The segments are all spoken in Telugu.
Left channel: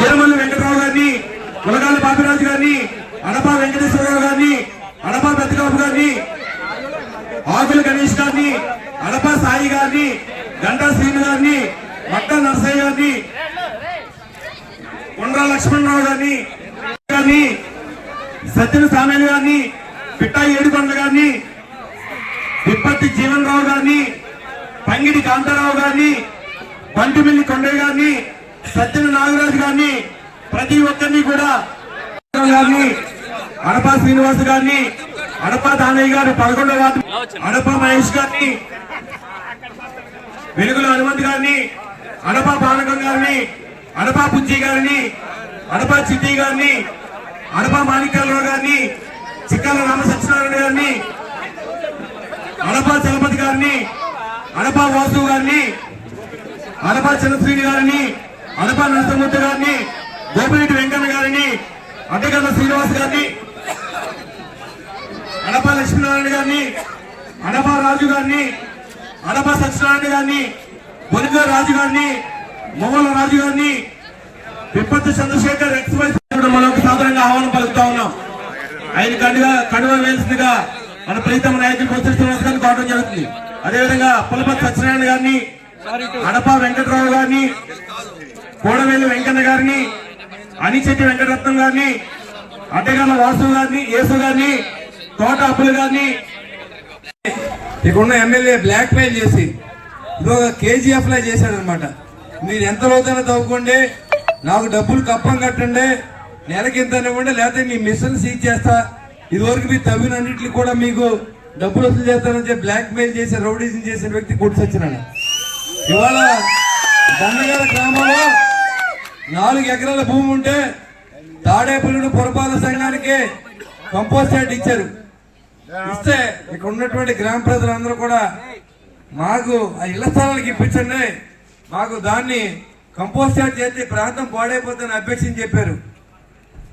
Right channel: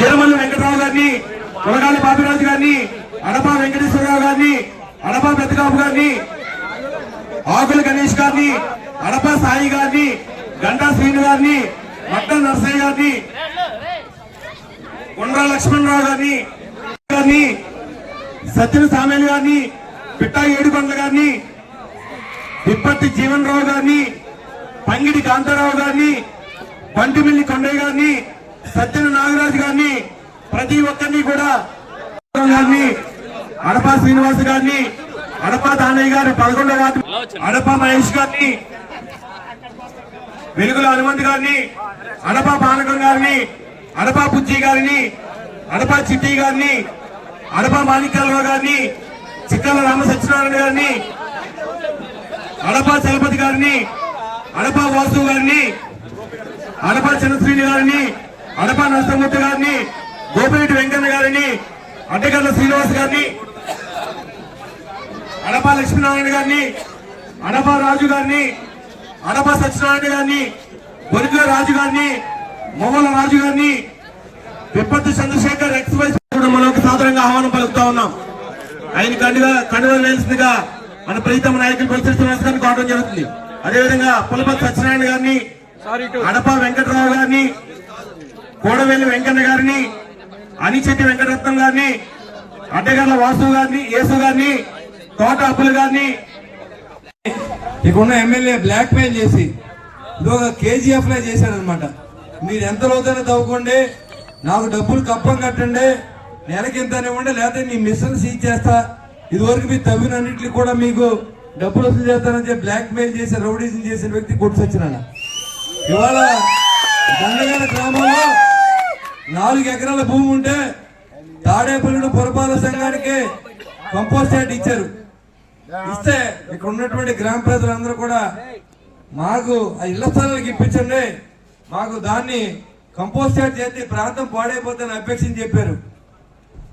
తిరుమల వెంకటరావు గారిని కొలగాలి బాబురాజు గారిని అడపా వెంకటేశ్వరరావు గారిని అడపా ప్రతిబాబు గారిని ఆకుల గణేష్ గారిని అడపా సాయి గారిని గంటా శ్రీను గారిని మట్ట నర్సయ్య గారిని కొండ్ర లక్ష్మణరావు గారిని గారిని సత్యన సామేలు గారిని పిట్టా ఏడుకొండ గారిని విప్పత్తి జీవన్ రావు గారిని పంగిడి కాంతారావు గారిని బంటిమిల్లి కొండయ్య గారిని సత్యన నాగరాజు గారిని ప్రతి ఒక్కరిని కూడా గారిని అడపా శ్రీనివాస్ గారిని అడప దానయ్య గారు పదకొండవ అడప మహేష్ గారిని వెలుగుల హనుమంత్ గారిని అడప పానకం గారిని అడప పుజ్జి గారిని అడప చిట్టి గారిని అడప మాణిక్యాల గారిని చిక్కల రామ సత్యనారాయణ గారిని అడప చలపతి గారిని అడప వాసు గారిని అడప చంద్రశ్రీని గారిని అడపా నరసింహమూర్తి గారిని గోపిరెడ్డి వెంకన్న గారిని అడ్డగల్ల శ్రీనివాస్ గారిని అడపా లక్ష్మీనారాయణ గారిని అడపా రాజు గారిని అడపా సత్యనారాయణ గారిని బొరిగ రాజు గారిని మొమ్మల రాజు గారిని విపత్తు చంద్రశేఖర్ ఎక్స్ప్రెస్ మనం ఒక సాధారణంగా ఆహ్వానం పలుకుతా ఉన్నాం. ఆయన కండుగా కండువ వేసిందిగా మన ప్రీతమ నాయకులు పరిస్థితి శ్రీనివాస్ గారిని కావడం జరుగుతుంది. అదేవిధంగా పులపతి సత్యనారాయణ గారిని అడపా వెంకటరావు గారిని కోడవేలు వెంకన్న గారిని అనిచెట్టి వెంకటరత్నం గారిని అడ్డగల్ల వాసు గారిని యేసు గారిని తోట అప్పులు గారిని. ఇక్కడున్న ఎమ్మెల్యే బ్లాక్ మెయిల్ చేసి ఇది ఒక కేజీఎఫ్ లా చేశాడనమాట. మీరు ఎంత లోతైనా తవ్వుకోండి నాకు డబ్బులు కప్పం కట్టండి నెలకి ఇంత ఇవ్వండి లేకపోతే మీ మిషన్ సీజ్ చేస్తా. ఇదివరకు మీరు తవ్వినన్నింటికి కూడా మీకు డబ్బులు వసూలు చేస్తానని చెప్పి బ్లాక్ మెయిల్ చేసి రౌడీజం చేసిన వ్యక్తి కొట్టి ఇవాళ దండగల గ్రామంలో నాలుగు ఎకరాల భూమి ఉంటే తాడేపల్లిని పురపాలక సంఘానికి కంపోస్ట్ యార్డ్ ఇచ్చారు. ఇస్తే ఇక్కడ ఉన్నటువంటి గ్రామ ప్రజలందరూ కూడా మాకు ఆ ఇళ్ళ స్థలాలకు ఇప్పించండి. మాకు దాన్ని కంపోస్ట్ యార్డ్ చేసి ప్రాంతం పాడైపోతుందని అపేక్షించి చెప్పారు.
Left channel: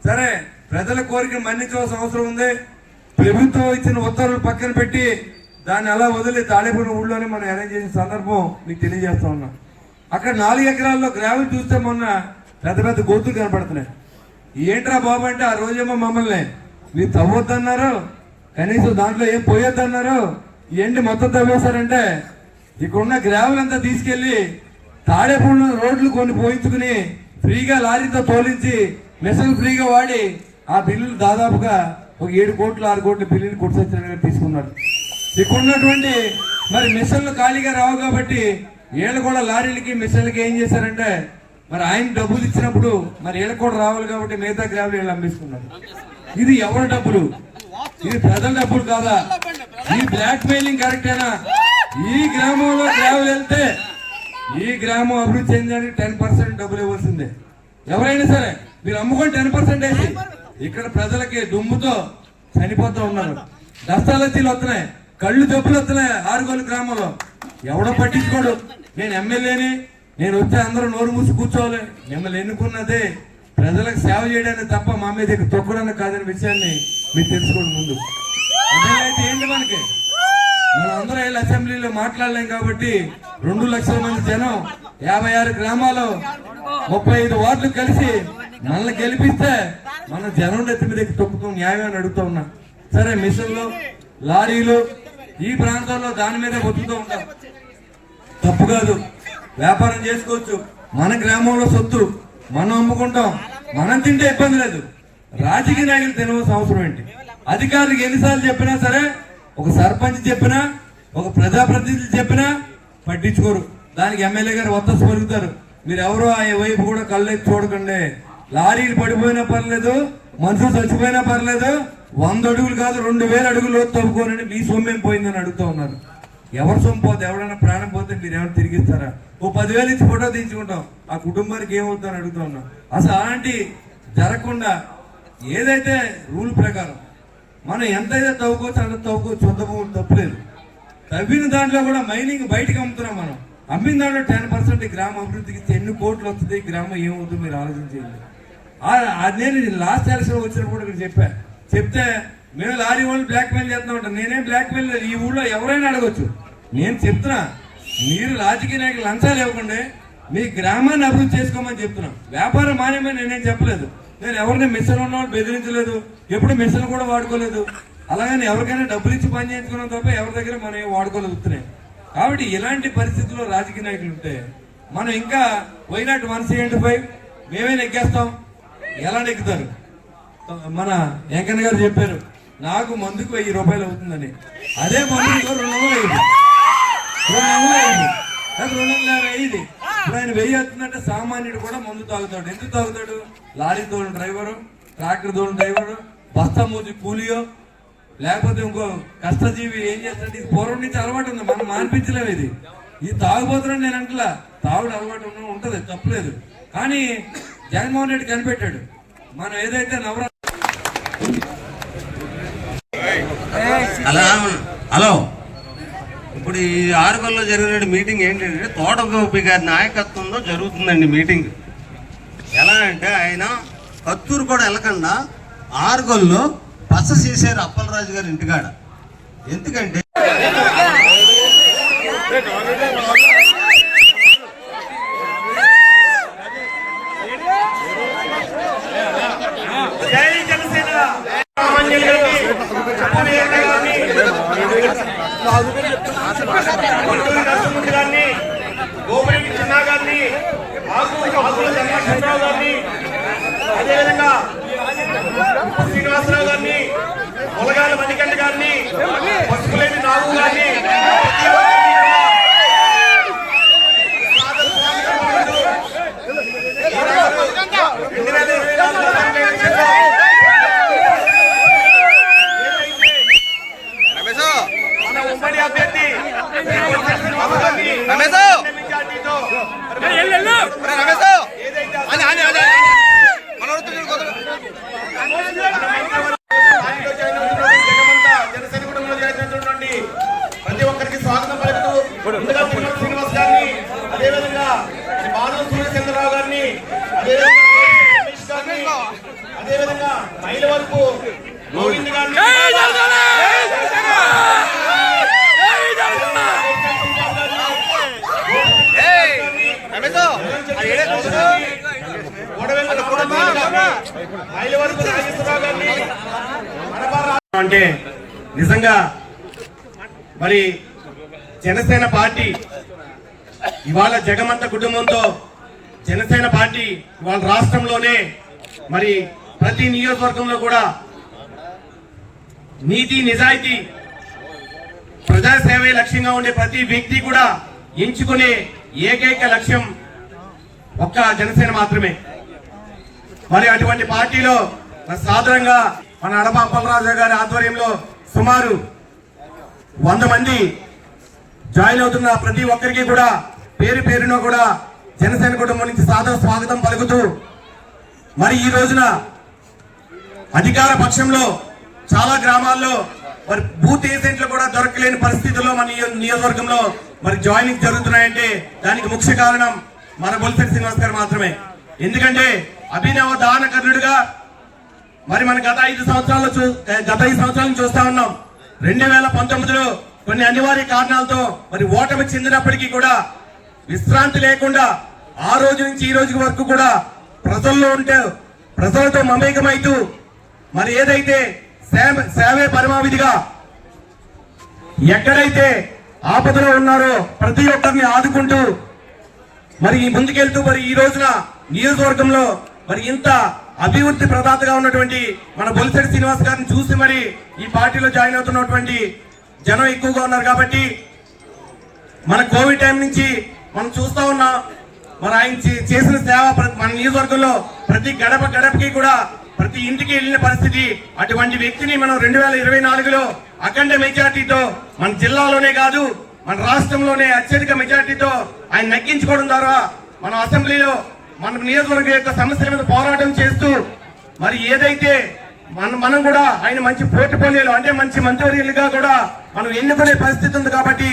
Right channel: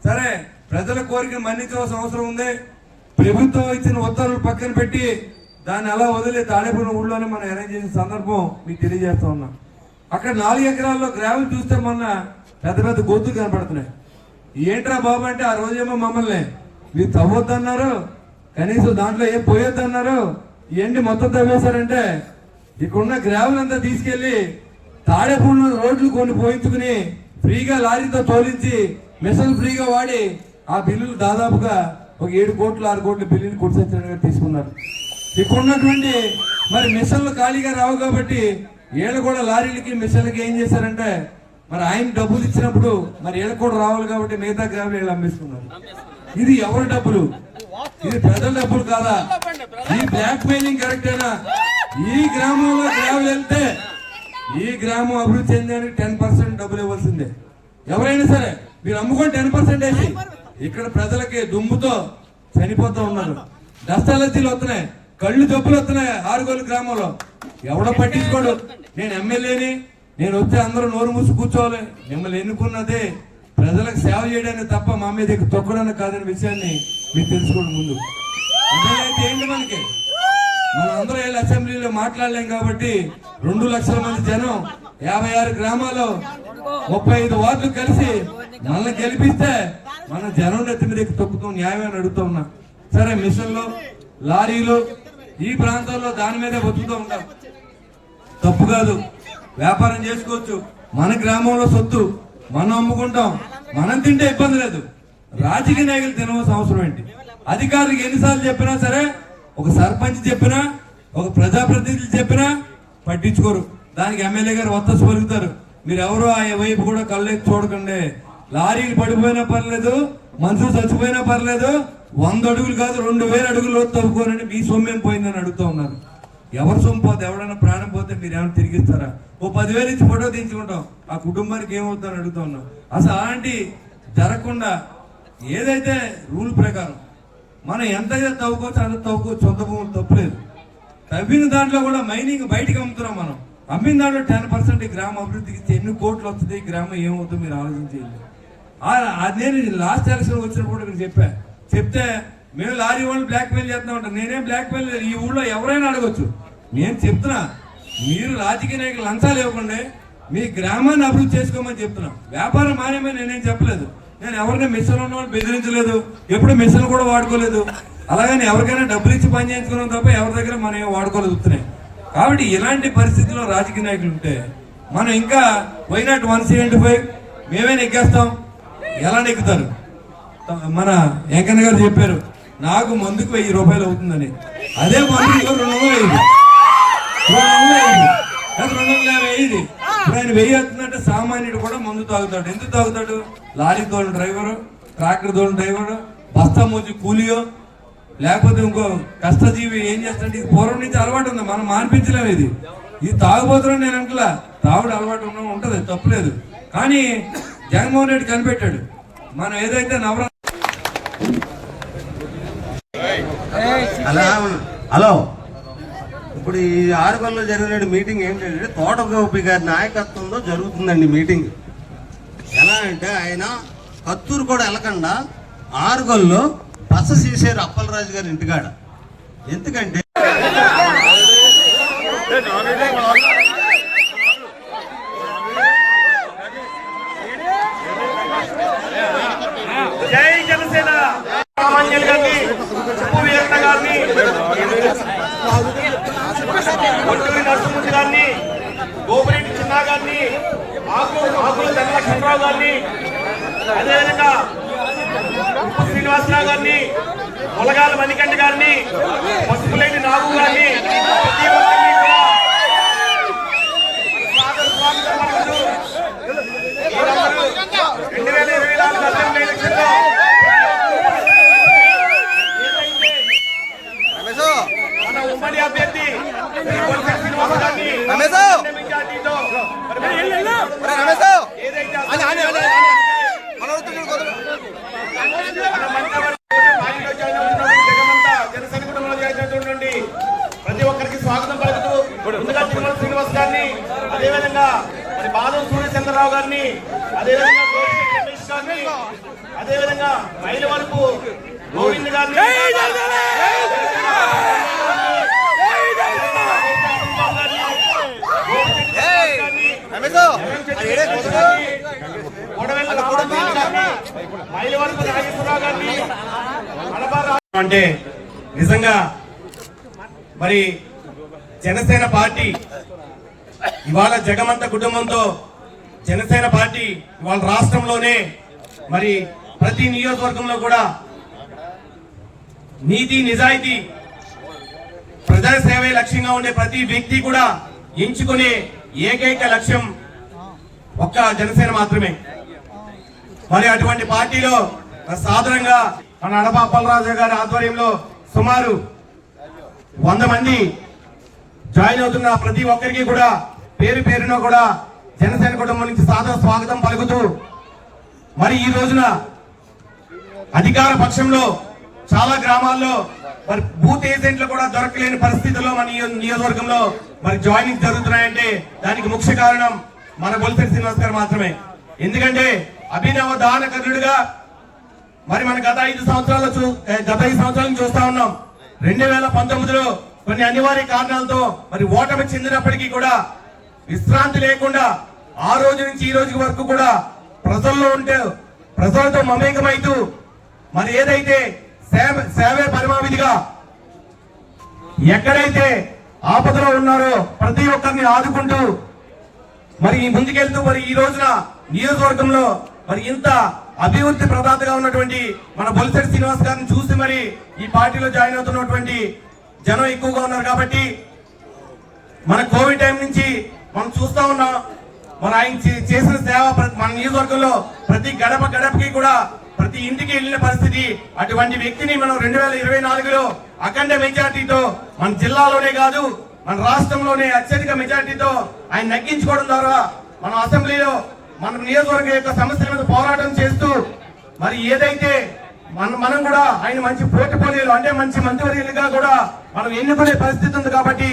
సరే ప్రజల కోరిక మన్నించవలసిన అవసరం ఉంది. ప్రభుత్వం ఇచ్చిన ఉత్తర్వులు పక్కన పెట్టి దాన్ని అలా వదిలి తాడేపల్లి ఊళ్ళోనే మనం అరేంజ్ చేసిన సందర్భం మీకు తెలియజేస్తా ఉన్నాం. అక్కడ నాలుగు ఎకరాల్లో గ్రామం చూస్తే మొన్న పెద్ద పెద్ద గోతులు కనపడుతున్నాయి. ఏంట్రా బాబు అంటే ఆ రోజేమో మమ్మల్ని మీరు తవ్వద్దన్నారు కనీసం దాంట్లో ఏం పోయొద్దన్నారు ఏంటి మొత్తం తవ్వేశారంటే ఇక్కడున్న గ్రావెల్ అంతా తీసుకెళ్ళి తాడేపూడిలో రోడ్లు కొన్ని పోయించుకుని ఫ్రీగా లారీతో తోలించి మిషన్ ఫ్రీగా వాడి ఆ బిల్లులు దాదాపుగా ఒక ఏడు కోట్లు ఆరు కోట్ల బిల్లుని కొట్టుకొచ్చిన తీసుకున్నారు. ఇక్కడున్నటువంటి మరి మిషన్లు ఖాళీగా రావు కాబట్టి వీళ్ళు కూడా లారీలకి మిషన్లకి ఏం చేశారంటే మరి ఆయన డబ్బులు ఇచ్చినప్పుడు మరి వీళ్ళకి కూడా రావాలి కాబట్టి మిగతా గ్రాములు వీళ్ళు అమ్మేసుకున్నారు. ఇది ఎవరి డబ్బులు? ఇది ప్రజల డబ్బులు కాదా? ఈ బ్లాక్ మెయిలింగ్ కరెక్టేనా? ఈ గ్రామంలో గ్రాములు వెళ్తే ఈ గ్రామం అభివృద్ధి చెందడానికి టెన్ పర్సెంట్ డబ్బులు ఇవ్వాల్సిందే. ఎవరైనా సరే మీరు అమ్ముకొని టెన్ పర్సెంట్ వేసి ఇక్కడ ప్రజలకి దుమ్ముతో చనిపోతూ ఉన్నారు. దస్తాలజీలు వస్తున్నాయి. కళ్ళు జబ్బులు వస్తున్నాయి ఆరుగోలు గ్రామంలో. ఎవడో పట్టించుకోడు. నేను ఎమ్మెల్యేని నేను వచ్చి అందరూ నోరు మూసి కూర్చోవాలి. మిమ్మల్ని ఎన్నుకున్నదే ప్రజలకు సేవ చేయడానికి తప్ప మా మీద తొక్కడానికి కాదనే విషయాన్ని మీరు తెలుసుకోండి ముందు. అయితే ఏంటి మనకి? మనం అందరూ వెళ్ళి అసెంబ్లీలో మాట్లాడలేం కాబట్టి రెండు లక్షల మంది జనం యాభై ఆరు గ్రామాలు ముప్పై ఐదు వార్డులు కలిసి మనల్ని గెలిపిస్తే మన జనం నెత్తి మీద ఎక్కి తొక్కుతాం న్యాయమని అడుగుతూ ఉన్నా. సరే మిషన్లు లారీలు ఈ ప్రాంతంలో దాని మీద బతుకుతూ ఉంటాం. తప్పు కాదు. వ్యాపారం చేసుకోవచ్చు. మన గ్రామంలో సొత్తు మనం అమ్ముకుంటాం. మనం తింటే ఇబ్బంది లేదు. రాజకీయ నాయకులు తినవలసిన అవసరం ఏంటి? అధికారులకు ఎన్నిసార్లు చెప్పినా సరే ఒక సర్పంచ్ చెప్పినా ఒక ప్రజాప్రతినిధులు చెప్పినా పట్టించుకోరు. దానికి ఎమ్మెల్యే గారు వత్తసు పలుకుతారు. మీరు ఎవరో ఆ వైపు కూడా కళ్ళెత్తి చూడకండి. లారీలు పడిపోయినా పర్లేదు మనుషులు చచ్చిపోయినా పర్లేదు వంద అడుగులు కాదు రెండు వేల అడుగులు లోతు తవ్వుకోనని మీ సొమ్మేం పోయిందని అడుగుతా ఉన్నారు. ఎవరు సొమ్ము పోతే ఎవడైనా ప్రాణం పోతే మీరు ఏమైనా తిరిగిస్తారా? ఓ పదివేలు ఇచ్చి ఫోటో తీయించుకుంటాం. ఆ కుటుంబానికి ఏమవుతుందని అడుగుతా ఉన్నాం. అసలు అలాంటి జరగకుండా ఏదైతే రూల్ ప్రకారం మనం ఎంతైతే తవ్వుకోవచ్చు అంత తవ్వుకోవచ్చు సొంత భూములు తప్పలేదు. తవ్విన దాంట్లో కూడా మైనింగ్ బయటకు అమ్ముతున్నాం మనం. అమ్మిన దాంట్లో టెన్ పర్సెంట్ గ్రామ అభివృద్ధికి ఎన్ని కోట్లు వస్తుంది గ్రామం ఏమవుతుందో మీరు ఆలోచించేయండి నేను లాస్ట్ ఎలక్షన్ వచ్చినప్పుడు మీరు చెప్పా. చెప్తే మేము లారీ వాళ్ళు బ్లాక్ మెయిల్ చేస్తున్నామంట నేనేం బ్లాక్ మెయిల్ ఈ ఊళ్ళో ఎవరైనా అడగొచ్చు. నేను చెప్తున్నా మీరు రాజకీయ నాయకులు లంచాలు ఇవ్వకండి మీ గ్రామాన్ని అభివృద్ధి చేసుకోమని చెప్తున్నా. వ్యాపారం మానేమని నేనేం చెప్పలేదు. నేను ఎవరిని మిషన్ ఉన్న వాళ్ళు బెదిరించలేదు. ఎప్పుడు మిషన్ కూడా వాడుకోలేదు. అలాగని ఎవరికైనా డబ్బులు ఇచ్చి పని చేయించుకున్నాం తప్ప ఎవరి దగ్గర మనం ఏం వాడుకోలేదు కాబట్టి ఇలాంటి పరిస్థితుల్లో రాజకీయ నాయకులు ఉంటే మనం ఇంకా వైనాట్ వన్ సెవెంటీ ఫైవ్ మేమే నెగ్గేస్తాం. ఎలా నెగ్గుతారు? మన వెంకన్న గారు చెప్పారు నాకు మందుకు వెయ్యి రూపాయలు అవుతుందని. అదే మందుకు రెండు వందలు అయింది. రెండు వందలు అయింది. అది రెండు వందల యాభై అయింది. ఇప్పుడు ఆయన వెయ్యి అవుతుందంటే సామాన్యుడు కూడా మందు తాగుతాడు. ఎందుకు తాగుతాడు? లారీ తోలు డ్రైవరు ట్రాక్టర్ తోలు డ్రైవరు బస్తా మోచి కూలియో లేకపోతే ఇంకో కష్టజీవి ఏం చేస్తాడు ఇది పూర్వం నుంచి అలవాటు ఉంది. మనం మానిపించలేము ఇది. ఇది తాగుబోతున్నాడు నేను అంటలా తాగుడు అలవాటు ఉన్న- ఉంటుంది తప్పలేదు. కానీ జగన్మోహన్ రెడ్డి కనిపెట్టాడు. మనం ఏదైతే నవరాత్రి అలా హలో. ఇప్పుడు ఈ ఆరుగల్లో జరిగిన మీటింగ్ ఏంటంటే తోట గోపి గారి నాయకత్వంలో జరుగుతుందండి మీటింగ్. ఎలా అంటే ఆయన కత్తూరు కూడా వెళ్ళకుండా ఆరుగల్లో బస చేశారు అప్పలరాజు గారి ఇంటికాడ. ఎందుకంటే జై జనసేన రామాంజలి గారిని ఉప్పు వీరన్న గారిని గుంటూరు నరసింహుడి గారిని గోపిరెడ్డి చిన్నా గారిని ఆకు ఆకుల చంద్రశేఖరరావు గారిని అదేవిధంగా ఉప్పు శ్రీనివాసరావు గారిని మొలగాల మణికంఠ గారిని అవుతున్నటువంటి ప్రతి ఒక్కరికి స్వాగతం పలుకుతూ ముందుగా తిరుమల శ్రీనివాస్ గారిని అదేవిధంగా మాధవ సూర్యచంద్రరావు గారిని అదేవిధంగా గోపిరెడ్డి రమేష్ గారిని అదేవిధంగా మహిళ వరకు గోవింద్ గారిని అంటే నిజంగా మరి జనసేన పార్టీ ఇవాళ జగమంత కుటుంబంతో జనసేన పార్టీ ఇవాళ రాష్ట్రంలోనే మరి ప్రతి నియోజకవర్గంలో కూడా నీతి నిజాయితీ ప్రజాసేవే లక్ష్యంగా ఉండే ప్రతి వ్యక్తి కూడా ఎంచుకునే ఏకైక లక్ష్యం ఒక్క జనసేన మాత్రమే. మరి అటువంటి పార్టీలో మరి సాధారణంగా మన అడప అప్పలరాజు గారి ఆధ్వర్యంలో సుమారు వంద మంది జాయిన్ అవుతున్న ప్రతి ఒక్కరికి కూడా పేరు పేరున కూడా జనసేన కుటుంబం నుంచి సాదర స్వాగతం పలుకుతూ మరి ఈ రోజున అధికార పక్షంలో చాలా గ్రామాల్లో మరి బూత్ ఏజెంట్లు కూడా దొరకలేని పరిస్థితుల్లో మన నియోజకవర్గంలో మరి జాయినింగ్ జరుగుతున్నాయంటే దానికి ముఖ్య కారణం మన బొలిసెట్ శ్రీనివాస్ గారు మాత్రమే. ఎందుకంటే అభినవ దానకర్ణుడిగా మరి మన గత ఐదు సంవత్సరాలు గత ఐదు సంవత్సరాలను చూస్తా ఉన్నాం. రెండు వేల పంతొమ్మిదిలో కొన్ని అనివార్య కారణాలతో మరి ఓటమి చెందినప్పటికీ కూడా విశ్రాంతి లేకుండా ఆ రోజు నుంచి ఈ రోజు వరకు కూడా ప్రజల్లో ఉంటే ప్రజలతో మమేకమైతూ మరి ఏదైతే సేవ సేవే పరమావిధిగా ఎక్కడైతే ఆపదలో ఉన్నారో ప్రతి ఒక్కరిని ఆదుకుంటూ మరి ఈ ముందుకెళ్తూ మరి ఈ రోజున నియోజకవర్గంలో మరి ఇంత అభివృద్ధి ప్రదాతగా ఉన్నటువంటి మన బొలిసెట్టి శ్రీనివాస్ గారిని చూసి మరి ఈ పార్టీలో జాయిన్ అవుతున్నటువంటి జనం ఎక్కువగా ఉన్నారు కాబట్టి మన కోవిడ్ టైం నుంచి మనం చూస్తా ఉన్నాం. మన ఆయన చేసిన సేవ మన నియోజకవర్గంలో ప్రతి గడప గడపకి కూడా ప్రతి ఇంటికి వెళ్ళిన పరిస్థితి అటువంటి వ్యక్తిని మనం రెండు వేల ఇరవై నాలుగులో అఖండ మెజార్టీతో మన జిల్లాలోనే కాదు మన రాష్ట్రంలోనే అత్యధిక మెజార్టీతో ఆయన నగ్గించుకోవడం ద్వారా మన అసెంబ్లీలో మన నియోజకవర్గ యొక్క సమస్యల మీద పోరాటం చేస్తూ మరి ఏదైతే మన మనం కూడా ఆయన మంచి పోర్ట్ఫోలియోలో అంటే మంచి మంత్రివర్యులుగా కూడా మనం ఎన్నుకునే పరిస్థితి ఉంది కాబట్టి